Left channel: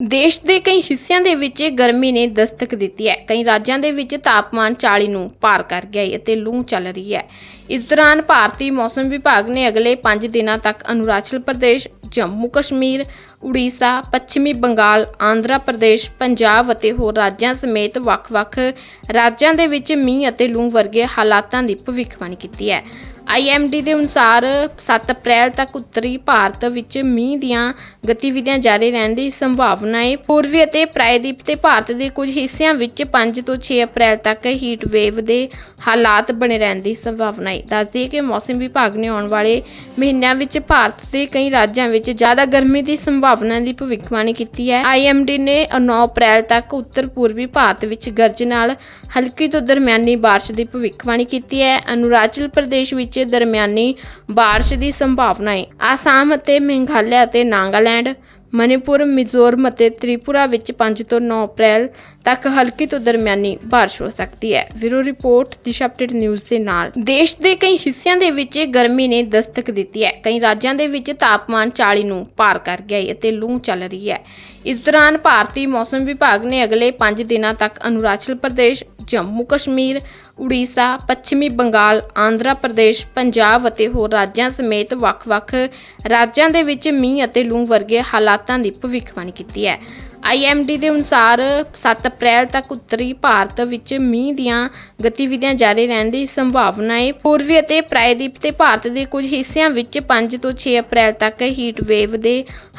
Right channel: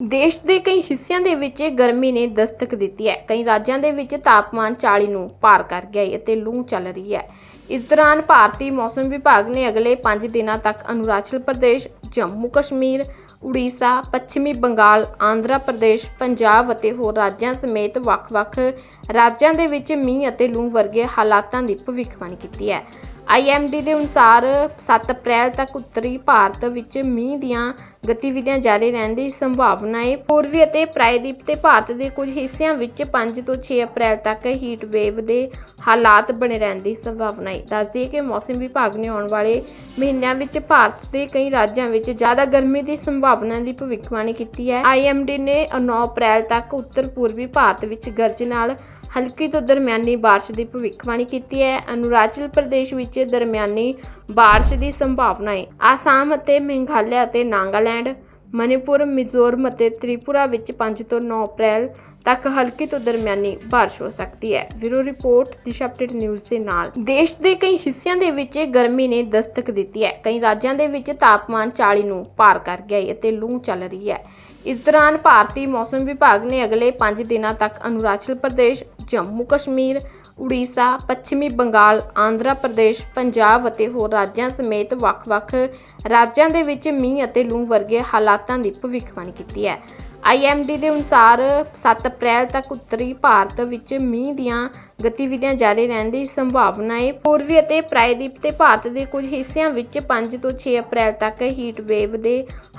ਦੇਸ਼ ਦੇ ਕਈ ਹਿੱਸਿਆਂ ਦੇ ਵਿੱਚ ਗਰਮੀ ਨੇ ਦਸਤਕ ਦਿੱਤੀ ਹੈ। ਕਈ ਰਾਜਾਂ ਦੇ ਵਿੱਚ ਤਾਪਮਾਨ 40 ਨੂੰ ਪਾਰ ਕਰ ਗਿਆ ਹੈ ਅਤੇ ਲੂ ਚੱਲ ਰਹੀ ਹੈ। ਇਸ ਦੌਰਾਨ ਭਾਰਤੀ ਮੌਸਮ ਵਿਭਾਗ ਨੇ ਅਗਲੇ 5 ਦਿਨਾਂ ਤੱਕ ਅਰੁਣਾਚਲ ਪ੍ਰਦੇਸ਼, ਜੰਮੂ ਕਸ਼ਮੀਰ, ਉੜੀਸਾ, ਪੱਛਮੀ ਬੰਗਾਲ, ਆਂਧਰਾ ਪ੍ਰਦੇਸ਼, ਪੰਜਾਬ ਅਤੇ ਹੋਰ ਰਾਜਾਂ ਸਮੇਤ ਵੱਖ-ਵੱਖ ਰਾਜਾਂ ਦੇ ਵਿੱਚ ਮੀਂਹ ਅਤੇ ਲੂ ਵਰਗੇ ਹਾਲਾਤਾਂ ਦੀ ਭਵਿੱਖਬਾਣੀ ਕੀਤੀ ਹੈ। ਆਈਐਮਡੀ ਦੇ ਅਨੁਸਾਰ 7 ਅਪ੍ਰੈਲ ਤੱਕ ਉੱਤਰੀ ਭਾਰਤ ਵਿੱਚ ਮੀਂਹ ਦੀਆਂ ਗਤੀਵਿਧੀਆਂ ਜਾਰੀ ਰਹਿਣ ਦੀ ਸੰਭਾਵਨਾ ਹੈ। ਪੂਰਬੀ ਅਤੇ ਪ੍ਰਾਇਦੀਪ ਤੇ ਭਾਰਤ ਦੇ ਕੁਝ ਹਿੱਸਿਆਂ ਵਿੱਚ 5 ਤੋਂ 6 ਅਪ੍ਰੈਲ ਤੱਕ ਹੀਟ ਵੇਵ ਦੇ ਹਾਲਾਤ ਬਣੇ ਰਹਿਣ ਦੀ ਸੰਭਾਵਨਾ ਹੈ। ਦੱਸਦੀ ਹੈ ਕਿ ਮੌਸਮ ਵਿਭਾਗ ਨੇ ਆਉਣ ਵਾਲੇ ਮਹੀਨਿਆਂ ਵਿੱਚ ਭਾਰਤ ਦੇ ਕਈ ਰਾਜਾਂ ਵਿੱਚ ਜ਼ਿਆਦਾ ਗਰਮੀ ਦੀ ਸੰਭਾਵਨਾ ਦੀ ਭਵਿੱਖਬਾਣੀ ਕੀਤੀ ਹੈ। ਆਈਐਮਡੀ ਨੇ 9 ਅਪ੍ਰੈਲ ਤੱਕ ਉੱਤਰ ਪੂਰਬੀ ਭਾਰਤ ਵਿੱਚ ਗਰਜ ਨਾਲ ਹਲਕੀ ਤੋਂ ਦਰਮਿਆਨੀ ਬਾਰਿਸ਼ ਦੀ ਭਵਿੱਖਬਾਣੀ ਕੀਤੀ ਹੈ। ਅਰੁਣਾਚਲ ਪ੍ਰਦੇਸ਼ ਵਿੱਚ ਦਰਮਿਆਨੀ ਬਾਰਿਸ਼ ਦੀ ਸੰਭਾਵਨਾ ਹੈ ਆਸਾਮ ਅਤੇ ਮੇਘਾਲਿਆ ਅਤੇ ਨਾਗਾਲੈਂਡ ਮਣੀਪੁਰ ਮਿਜ਼ੋਰਮ ਅਤੇ ਤ੍ਰਿਪੁਰਾ ਵਿੱਚ 5 ਤੋਂ 9 ਅਪ੍ਰੈਲ ਤੱਕ ਹਲਕੀ ਤੋਂ ਦਰਮਿਆਨੀ ਬਾਰਿਸ਼ ਹੋ ਸਕਦੀ ਹੈ। Bureau report, Disha update news ਦੇ ਨਾਲ। ਦੇਸ਼ ਦੇ ਕਈ ਹਿੱਸਿਆਂ ਦੇ ਵਿੱਚ ਗਰਮੀ ਨੇ ਦਸਤਕ ਦਿੱਤੀ ਹੈ। ਕਈ ਰਾਜਾਂ ਦੇ ਵਿੱਚ ਤਾਪਮਾਨ 40 ਨੂੰ ਪਾਰ ਕਰ ਗਿਆ ਹੈ ਅਤੇ ਲੂ ਚੱਲ ਰਹੀ ਹੈ। ਇਸ ਦੌਰਾਨ ਭਾਰਤੀ ਮੌਸਮ ਵਿਭਾਗ ਨੇ ਅਗਲੇ 5 ਦਿਨਾਂ ਤੱਕ ਅਰੁਣਾਚਲ ਪ੍ਰਦੇਸ਼ ਜੰਮੂ ਕਸ਼ਮੀਰ, ਉੜੀਸਾ, ਪੱਛਮੀ ਬੰਗਾਲ, ਆਂਧਰਾ ਪ੍ਰਦੇਸ਼, ਪੰਜਾਬ ਅਤੇ ਹੋਰ ਰਾਜਾਂ ਸਮੇਤ ਵੱਖ-ਵੱਖ ਰਾਜਾਂ ਦੇ ਵਿੱਚ ਮੀਂਹ ਅਤੇ ਲੂ ਵਰਗੇ ਹਾਲਾਤਾਂ ਦੀ ਭਵਿੱਖਬਾਣੀ ਕੀਤੀ ਹੈ। ਆਈਐਮਡੀ ਦੇ ਅਨੁਸਾਰ 7 ਅਪ੍ਰੈਲ ਤੱਕ ਉੱਤਰੀ ਭਾਰਤ ਵਿੱਚ ਮੀਂਹ ਦੀਆਂ ਗਤੀਵਿਧੀਆਂ ਜਾਰੀ ਰਹਿਣ ਦੀ ਸੰਭਾਵਨਾ ਹੈ। ਪੂਰਬੀ ਅਤੇ ਪ੍ਰਾਇਦੀਪ ਤੇ ਭਾਰਤ ਦੇ ਕੁਝ ਹਿੱਸਿਆਂ ਵਿੱਚ 5 ਤੋਂ 6 ਅਪ੍ਰੈਲ ਤੱਕ ਹੀਟ ਵੇਵ ਦੇ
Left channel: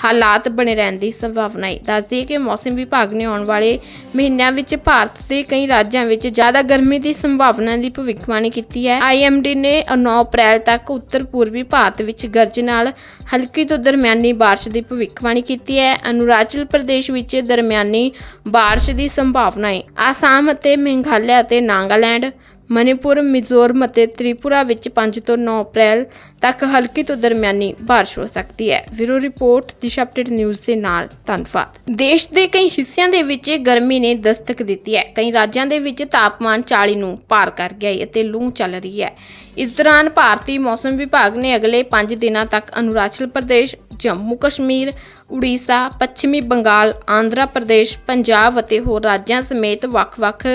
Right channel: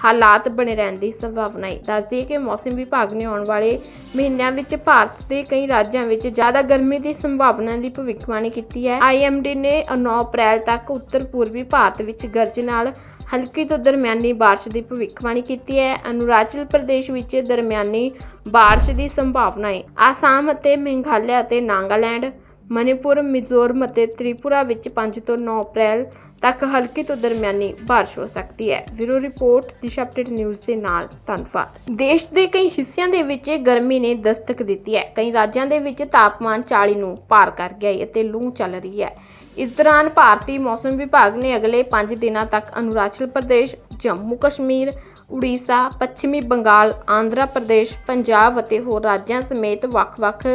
ਹਾਲਾਤ ਬਣੇ ਰਹਿਣ ਦੀ ਸੰਭਾਵਨਾ ਹੈ। ਦੱਸਦੀ ਹੈ ਕਿ ਮੌਸਮ ਵਿਭਾਗ ਨੇ ਆਉਣ ਵਾਲੇ ਮਹੀਨਿਆਂ ਵਿੱਚ ਭਾਰਤ ਦੇ ਕਈ ਰਾਜਾਂ ਵਿੱਚ ਜ਼ਿਆਦਾ ਗਰਮੀ ਦੀ ਸੰਭਾਵਨਾ ਦੀ ਭਵਿੱਖਬਾਣੀ ਕੀਤੀ ਹੈ। ਆਈਐਮਡੀ ਨੇ 9 ਅਪ੍ਰੈਲ ਤੱਕ ਉੱਤਰ ਪੂਰਬੀ ਭਾਰਤ ਵਿੱਚ ਗਰਜ ਨਾਲ ਹਲਕੀ ਤੋਂ ਦਰਮਿਆਨੀ ਬਾਰਿਸ਼ ਦੀ ਭਵਿੱਖਬਾਣੀ ਕੀਤੀ ਹੈ। ਅਰੁਣਾਚਲ ਪ੍ਰਦੇਸ਼ ਵਿੱਚ ਦਰਮਿਆਨੀ ਬਾਰਿਸ਼ ਦੀ ਸੰਭਾਵਨਾ ਹੈ ਆਸਾਮ ਅਤੇ ਮੇਘਾਲਿਆ ਅਤੇ ਨਾਗਾਲੈਂਡ ਮਣੀਪੁਰ ਮਿਜ਼ੋਰਮ ਅਤੇ ਤ੍ਰਿਪੁਰਾ ਵਿੱਚ 5 ਤੋਂ 9 ਅਪ੍ਰੈਲ ਤੱਕ ਹਲਕੀ ਤੋਂ ਦਰਮਿਆਨੀ ਬਾਰਿਸ਼ ਹੋ ਸਕਦੀ ਹੈ। Bureau report, Disha update news ਦੇ ਨਾਲ ਧੰਨਵਾਦ। ਦੇਸ਼ ਦੇ ਕਈ ਹਿੱਸਿਆਂ ਦੇ ਵਿੱਚ ਗਰਮੀ ਨੇ ਦਸਤਕ ਦਿੱਤੀ ਹੈ। ਕਈ ਰਾਜਾਂ ਦੇ ਵਿੱਚ ਤਾਪਮਾਨ 40 ਨੂੰ ਪਾਰ ਕਰ ਗਿਆ ਹੈ ਅਤੇ ਲੂ ਚੱਲ ਰਹੀ ਹੈ। ਇਸ ਦੌਰਾਨ ਭਾਰਤੀ ਮੌਸਮ ਵਿਭਾਗ ਨੇ ਅਗਲੇ 5 ਦਿਨਾਂ ਤੱਕ ਅਰੁਣਾਚਲ ਪ੍ਰਦੇਸ਼ ਜੰਮੂ ਕਸ਼ਮੀਰ, ਉੜੀਸਾ, ਪੱਛਮੀ ਬੰਗਾਲ, ਆਂਧਰਾ ਪ੍ਰਦੇਸ਼, ਪੰਜਾਬ ਅਤੇ ਹੋਰ ਰਾਜਾਂ ਸਮੇਤ ਵੱਖ-ਵੱਖ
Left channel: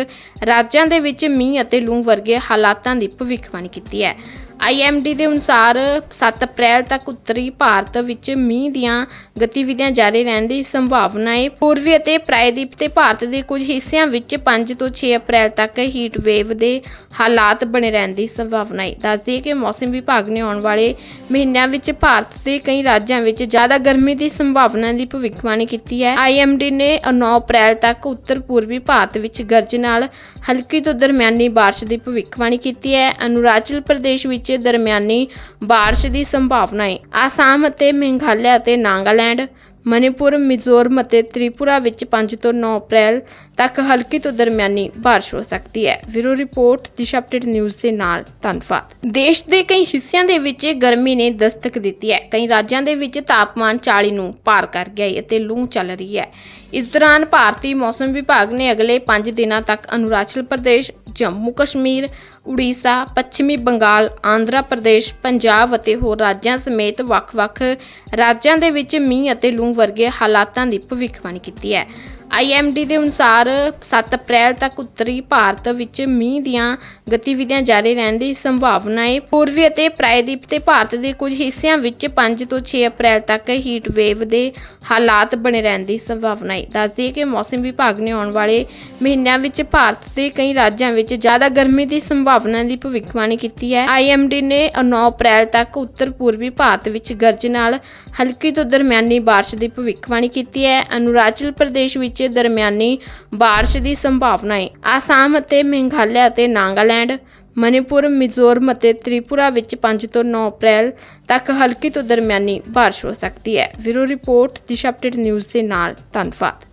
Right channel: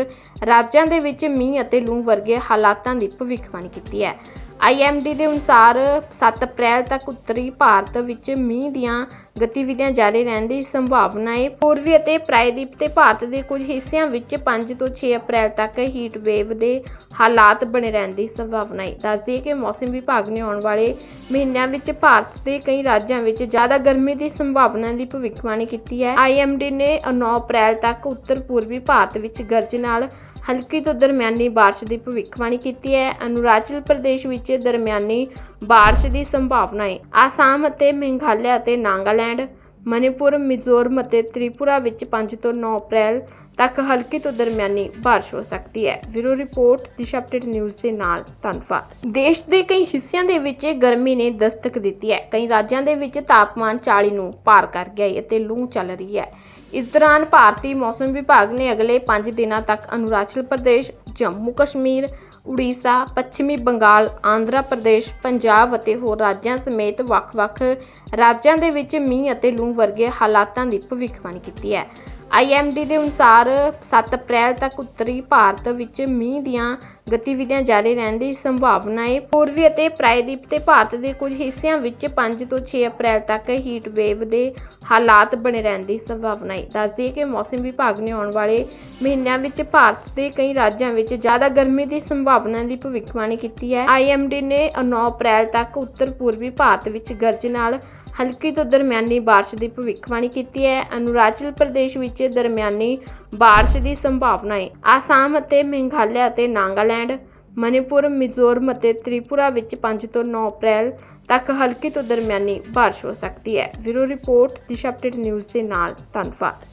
ਰਾਜਾਂ ਦੇ ਵਿੱਚ ਮੀਂਹ ਅਤੇ ਲੂ ਵਰਗੇ ਹਾਲਾਤਾਂ ਦੀ ਭਵਿੱਖਬਾਣੀ ਕੀਤੀ ਹੈ। ਆਈਐਮਡੀ ਦੇ ਅਨੁਸਾਰ 7 ਅਪ੍ਰੈਲ ਤੱਕ ਉੱਤਰੀ ਭਾਰਤ ਵਿੱਚ ਮੀਂਹ ਦੀਆਂ ਗਤੀਵਿਧੀਆਂ ਜਾਰੀ ਰਹਿਣ ਦੀ ਸੰਭਾਵਨਾ ਹੈ। ਪੂਰਬੀ ਅਤੇ ਪ੍ਰਾਇਦੀਪ ਤੇ ਭਾਰਤ ਦੇ ਕੁਝ ਹਿੱਸਿਆਂ ਵਿੱਚ 5 ਤੋਂ 6 ਅਪ੍ਰੈਲ ਤੱਕ ਹੀਟ ਵੇਵ ਦੇ ਹਾਲਾਤ ਬਣੇ ਰਹਿਣ ਦੀ ਸੰਭਾਵਨਾ ਹੈ। ਦੱਸਦੀ ਹੈ ਕਿ ਮੌਸਮ ਵਿਭਾਗ ਨੇ ਆਉਣ ਵਾਲੇ ਮਹੀਨਿਆਂ ਵਿੱਚ ਭਾਰਤ ਦੇ ਕਈ ਰਾਜਾਂ ਵਿੱਚ ਜ਼ਿਆਦਾ ਗਰਮੀ ਦੀ ਸੰਭਾਵਨਾ ਦੀ ਭਵਿੱਖਬਾਣੀ ਕੀਤੀ ਹੈ। ਆਈਐਮਡੀ ਨੇ 9 ਅਪ੍ਰੈਲ ਤੱਕ ਉੱਤਰ ਪੂਰਬੀ ਭਾਰਤ ਵਿੱਚ ਗਰਜ ਨਾਲ ਹਲਕੀ ਤੋਂ ਦਰਮਿਆਨੀ ਬਾਰਿਸ਼ ਦੀ ਭਵਿੱਖਬਾਣੀ ਕੀਤੀ ਹੈ। ਅਰੁਣਾਚਲ ਪ੍ਰਦੇਸ਼ ਵਿੱਚ ਦਰਮਿਆਨੀ ਬਾਰਿਸ਼ ਦੀ ਸੰਭਾਵਨਾ ਹੈ ਆਸਾਮ ਅਤੇ ਮੇਘਾਲਿਆ ਅਤੇ ਨਾਗਾਲੈਂਡ ਮਣੀਪੁਰ ਮਿਜ਼ੋਰਮ ਅਤੇ ਤ੍ਰਿਪੁਰਾ ਵਿੱਚ 5 ਤੋਂ 9 ਅਪ੍ਰੈਲ ਤੱਕ ਹਲਕੀ ਤੋਂ ਦਰਮਿਆਨੀ ਬਾਰਿਸ਼ ਹੋ ਸਕਦੀ ਹੈ। Bureau report, Disha update news ਦੇ ਨਾਲ ਧੰਨਵਾਦ। ਦੇਸ਼ ਦੇ ਕਈ ਹਿੱਸਿਆਂ ਦੇ ਵਿੱਚ ਗਰਮੀ ਨੇ ਦਸਤਕ ਦਿੱਤੀ ਹੈ। ਕਈ ਰਾਜਾਂ ਦੇ ਵਿੱਚ ਤਾਪਮਾਨ 40 ਨੂੰ ਪਾਰ ਕਰ ਗਿਆ ਹੈ ਅਤੇ ਲੂ ਚੱਲ ਰਹੀ ਹੈ। ਇਸ ਦੌਰਾਨ ਭਾਰਤੀ ਮੌਸਮ ਵਿਭਾਗ ਨੇ ਅਗਲੇ 5 ਦਿਨਾਂ ਤੱਕ ਅਰੁਣਾਚਲ ਪ੍ਰਦੇਸ਼, ਜੰਮੂ ਕਸ਼ਮੀਰ ਉੜੀਸਾ, ਪੱਛਮੀ ਬੰਗਾਲ, ਆਂਧਰਾ ਪ੍ਰਦੇਸ਼, ਪੰਜਾਬ ਅਤੇ ਹੋਰ ਰਾਜਾਂ ਸਮੇਤ ਵੱਖ-ਵੱਖ ਰਾਜਾਂ ਦੇ ਵਿੱਚ ਮੀਂਹ ਅਤੇ ਲੂ ਵਰਗੇ ਹਾਲਾਤਾਂ ਦੀ ਭਵਿੱਖਬਾਣੀ ਕੀਤੀ ਹੈ। ਆਈਐਮਡੀ ਦੇ ਅਨੁਸਾਰ 7 ਅਪ੍ਰੈਲ ਤੱਕ ਉੱਤਰੀ ਭਾਰਤ ਵਿੱਚ ਮੀਂਹ ਦੀਆਂ ਗਤੀਵਿਧੀਆਂ ਜਾਰੀ ਰਹਿਣ ਦੀ ਸੰਭਾਵਨਾ ਹੈ। ਪੂਰਬੀ ਅਤੇ ਪ੍ਰਾਇਦੀਪ ਤੇ ਭਾਰਤ ਦੇ ਕੁਝ ਹਿੱਸਿਆਂ ਵਿੱਚ 5 ਤੋਂ 6 ਅਪ੍ਰੈਲ ਤੱਕ ਹੀਟ ਵੇਵ ਦੇ ਹਾਲਾਤ ਬਣੇ ਰਹਿਣ ਦੀ ਸੰਭਾਵਨਾ ਹੈ। ਦੱਸਦੀ ਹੈ ਕਿ ਮੌਸਮ ਵਿਭਾਗ ਨੇ ਆਉਣ ਵਾਲੇ ਮਹੀਨਿਆਂ ਵਿੱਚ ਭਾਰਤ ਦੇ ਕਈ ਰਾਜਾਂ ਵਿੱਚ ਜ਼ਿਆਦਾ ਗਰਮੀ ਦੀ ਸੰਭਾਵਨਾ ਦੀ ਭਵਿੱਖਬਾਣੀ ਕੀਤੀ ਹੈ। ਆਈਐਮਡੀ ਨੇ 9 ਅਪ੍ਰੈਲ ਤੱਕ ਉੱਤਰ ਪੂਰਬੀ ਭਾਰਤ ਵਿੱਚ ਗਰਜ ਨਾਲ ਹਲਕੀ ਤੋਂ ਦਰਮਿਆਨੀ ਬਾਰਿਸ਼ ਦੀ ਭਵਿੱਖਬਾਣੀ ਕੀਤੀ ਹੈ। ਅਰੁਣਾਚਲ ਪ੍ਰਦੇਸ਼ ਵਿੱਚ ਦਰਮਿਆਨੀ ਬਾਰਿਸ਼ ਦੀ ਸੰਭਾਵਨਾ ਹੈ ਆਸਾਮ ਅਤੇ ਮੇਘਾਲਿਆ ਅਤੇ ਨਾਗਾਲੈਂਡ, ਮਨੀਪੁਰ, ਮਿਜ਼ੋਰਮ ਅਤੇ ਤ੍ਰਿਪੁਰਾ ਵਿੱਚ 5 ਤੋਂ 9 ਅਪ੍ਰੈਲ ਤੱਕ ਹਲਕੀ ਤੋਂ ਦਰਮਿਆਨੀ ਬਾਰਿਸ਼ ਹੋ ਸਕਦੀ ਹੈ। Bureau report, Disha update news ਦੇ ਨਾਲ ਧੰਨਵਾਦ।